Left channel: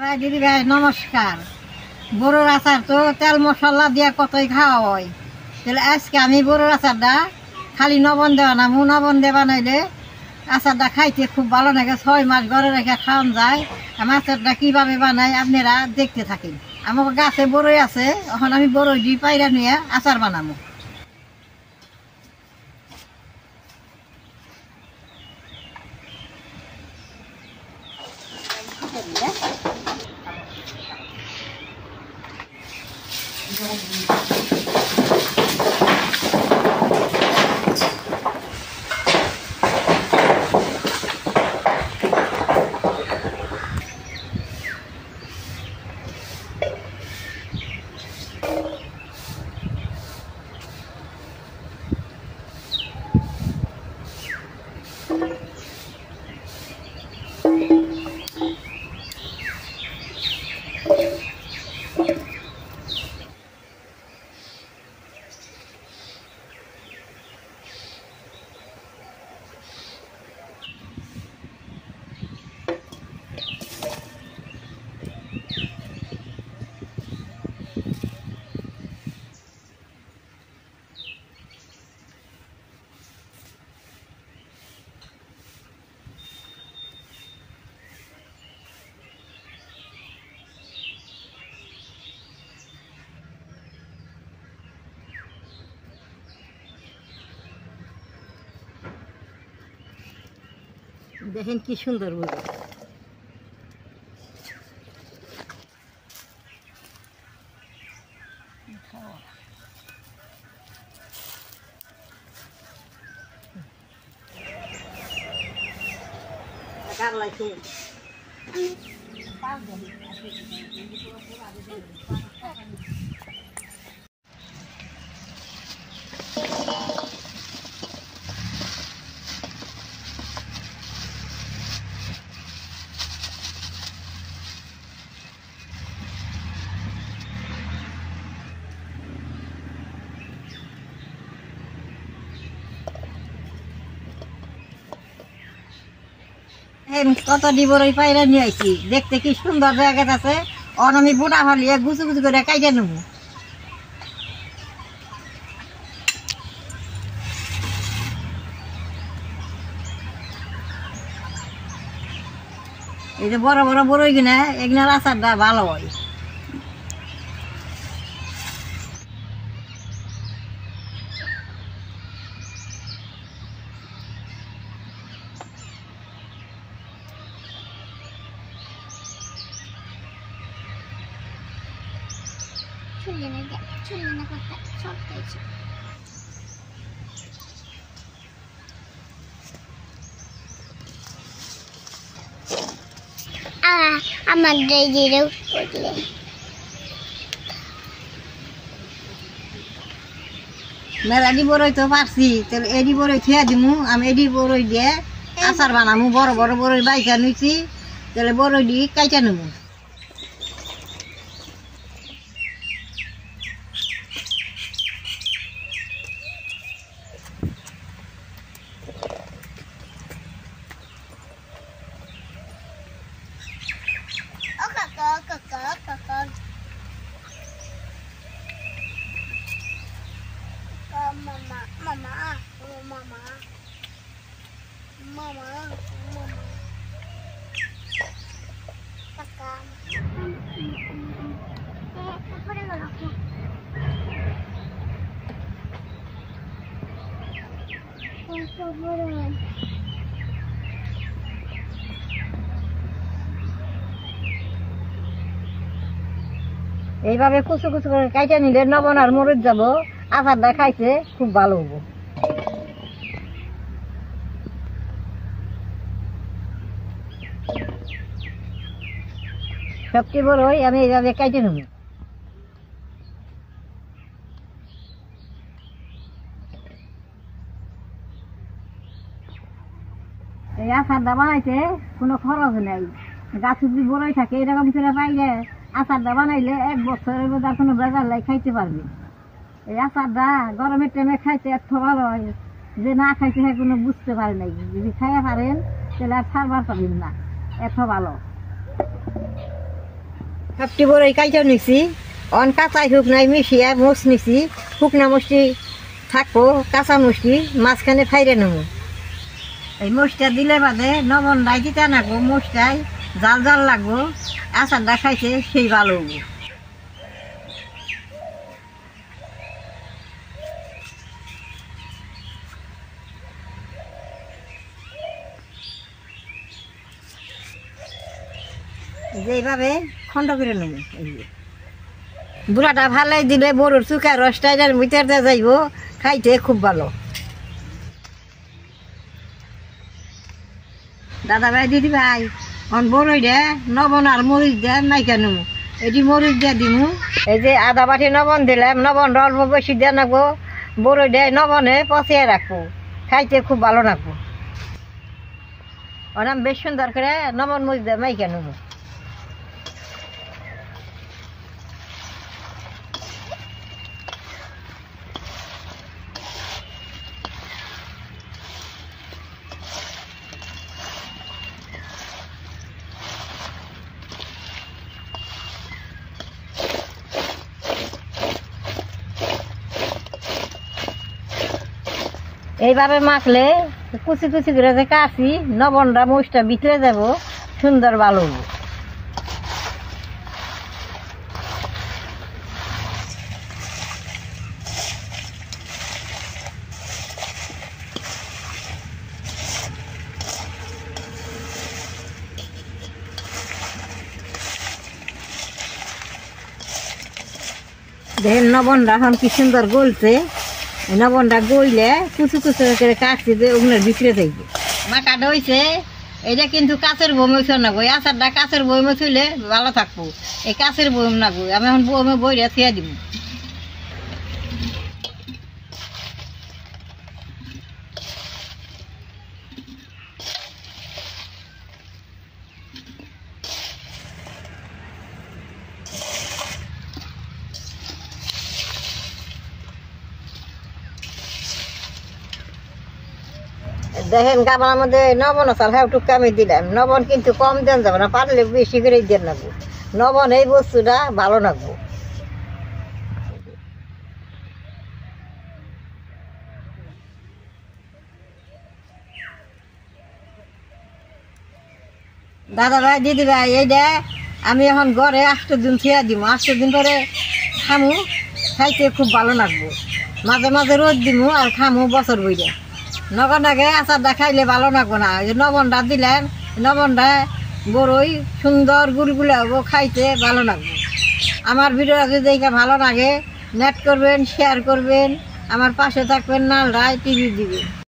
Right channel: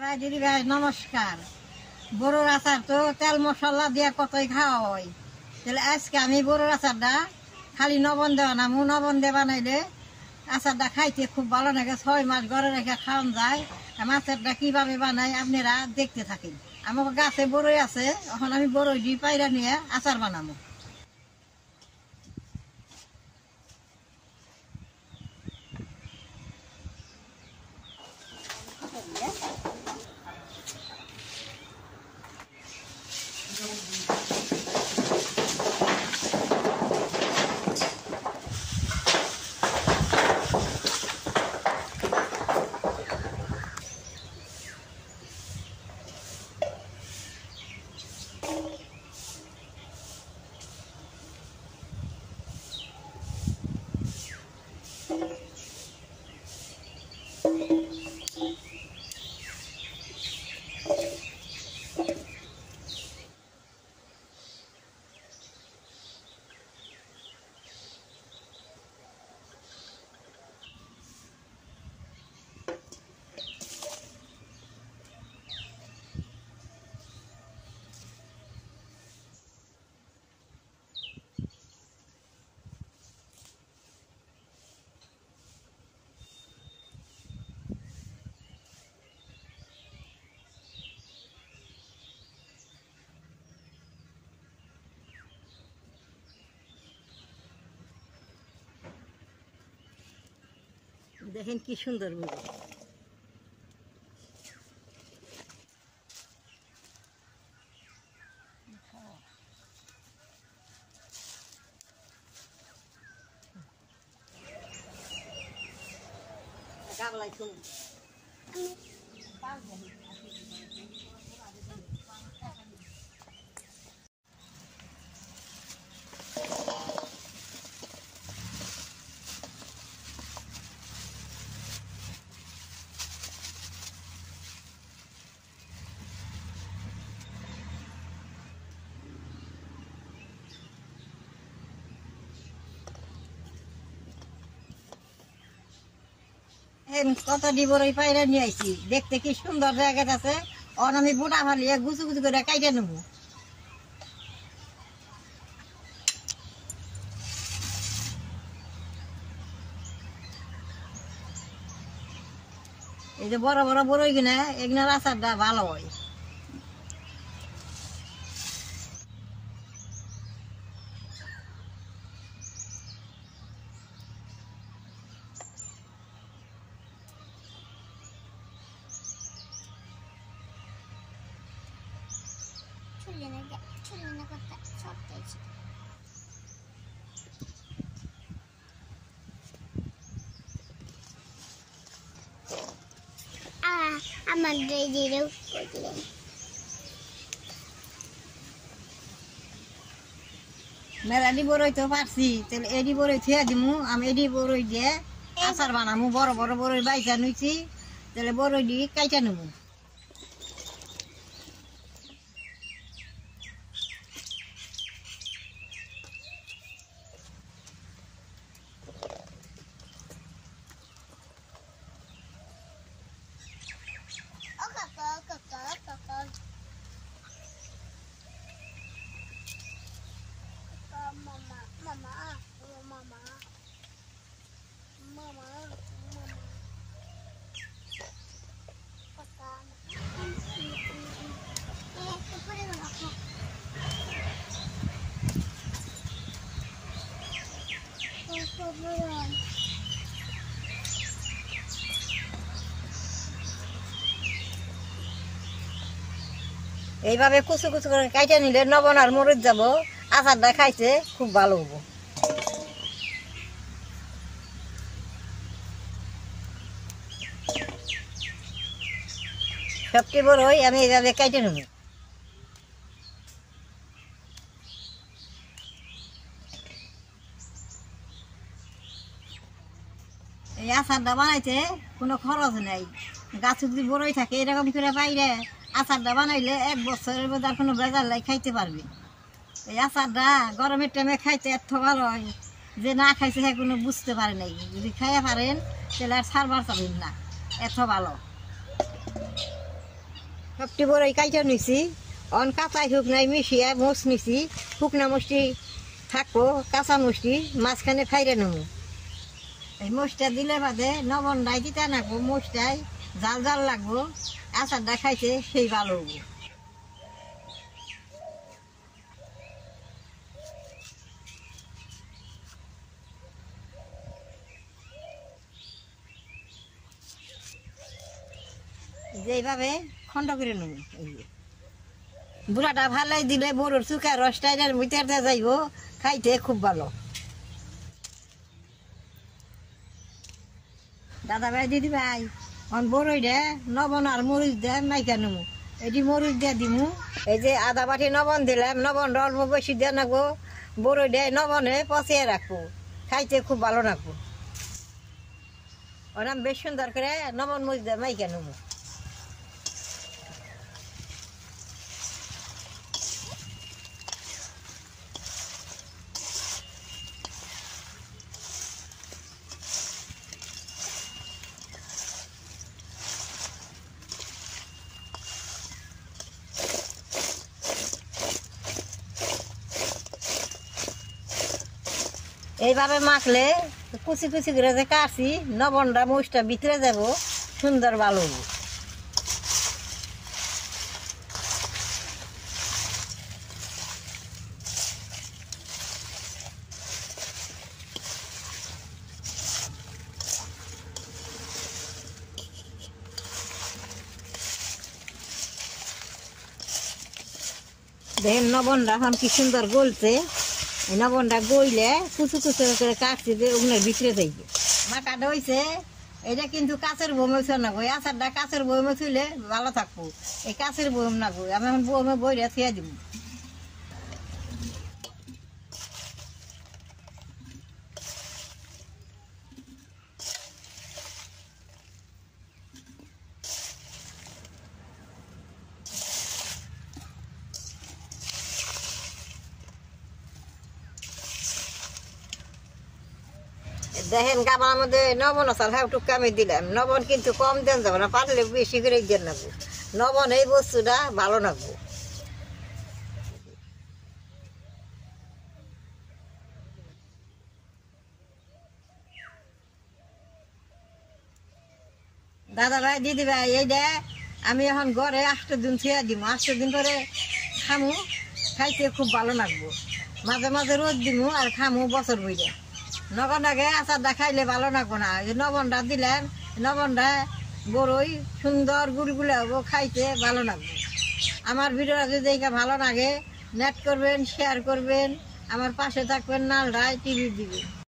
ভাই দিদি ভাই নমস্কার। বড়োর আচার তো তেল মশলা দিয়া কতই খাওয়া হয়, তাহলে আজকে আমি বড়োর আচারটা খালি নবন দেওয়া না, নবন দিয়ে বানাইলে আচারটা খাইতে খুব ভালো লাগে। 6 মাস ঘরে রেখে খাওয়ান যায়। আমি আচারটা কীভাবে বানাই আপনারা দেখতে থাকেন। আমার গাছে বড়ই আছে, এখন আমি বড়ই দিয়ে পায়রা নিয়ে আচার বানাবো। দেখেন কি সুন্দর বড়ি। কত ডিবরই পায়রা নিয়ে আইছি, দেখতে কি সুন্দর জায়গা আছে। অন আমি বুড়া হলিয়ে গুছু গুছু করে কাইটে নেব। এই যে বড় বড় বড়ই কিনা এগুলার আচারটা ভালো হয়। আমার মেলাডি বড়ই তো পারছি, তাহলে এডি বড়ই খেয়ে দিমু। আমি এডি বড়ই দিয়ে আচার বানামু। বড় বড় বড়ই বাইকা নিছি, তাহলে বড়ই দিয়ে কাইটা নেবো। এইভাবে কুচু কুচু করে কাইটে নিলে নবন আর মরিচ যাব। আচারটা খাইতে খুব ভালো হবো। সবটি বড়ই আমি এইভাবে কাইটে নেব। এই আচারটা বানাইতে কোনো খরচ নাই। গাছ যদি বড়ই থাকে এরকম করে পাইলে আচারটা বানাইলে 1 বছরের মধ্যে আর কোনো বেজার লাই খাইতে পারবি। এই আচারটা গরমের টাইমে খাইতে এত ভালো হয় যে না খাইছে সে কোনো বুঝতে পারে নাই। যদি খাইয়া পারেন তাহলে আর ছাড়বার পাবেন না, এত ভালো। সবটি বড়ই কাইটা নিছি অন কাঁচাই শুকনাই মিশিয়ে মুছ নিছি শুকনা মুষ্টি থাকবো কাঁচা মুষ্টি মাঝখানে ফাইরে নেব এই মুষ্টা দিলে বাদে নবনটাই দিতে নাকবো মুষ্টাই জাল জাল লাগবো আচারটা খাইতে সেই ভালো হবো এইভাবে খন্ড করে নেব বুড়াটা ভালাই দিলে বড়োর চুকা রসটাইটার ভিতরে যাইব খাইতে খুব ভালো দাদা ভাই দিদি ভাই অন বড়ই দে নবন আর মরিচ দে নাইকা নেব এটি মরিচ দিয়ে দিমু এই যে আদা বাটি নবন দিলাম নবন অল্প বেশি দিয়ে রাখবো বড়ই দে নবনে পচিয়ে রাখবো খাইতে খুব ভালো রাখবো ওনাম বেশ সুন্দর করে নবন মরিচ দিয়ে মাইকা নেব এইভাবে মাখলে কুচি কুচি করে যে কাটছি নবনটা মুষটা ভিতরে যাব সুন্দর ভালো দেখেন নবনটা এখন কি সুন্দর গলছে নবনটা গইলে কুচু কুচু করে কাটছি ওগুলোর ভিতরে যাইবে মাখাটা হয়েছে এটা কিন্তু কাছের বমে নাগো এই আচারটা কাছের বমে থইলে ভালো থাকবো এই কাছের বম নাগো আমি এখন বমে বইরে থিয়া দিব দেখেন গামার মধ্যে নবন চাল হ্যাঁ একটু কমে দিলাম নবন কিন্তু কম দেন যাবে না পারলে বেশি করে দেন লাগবো নবন এই বস্তুটা ভালো লাগবো দাদা ভাই দিদি ভাই এইটা আমি এখন ঘরে 8 দিন থিয়া দিব 8 দিন পরে খামু খাইতে খুব ভালো লাগবো মাঝে মাঝে রোদ দিমু আর খামু বছর বইটা নগন আগে আচারটা খাইলে ভালো লাগবো না নবনটা দিলেন নবনটা বড়ই সুন্দর গুলগুলা হবো খাইতে ভালো লাগবে আমার ভিডিওটা যদি ভালো লাগে নেট করবেন শেয়ার করবেন আমার পাশে থাকবেন নালরায় টিভি দিবেন।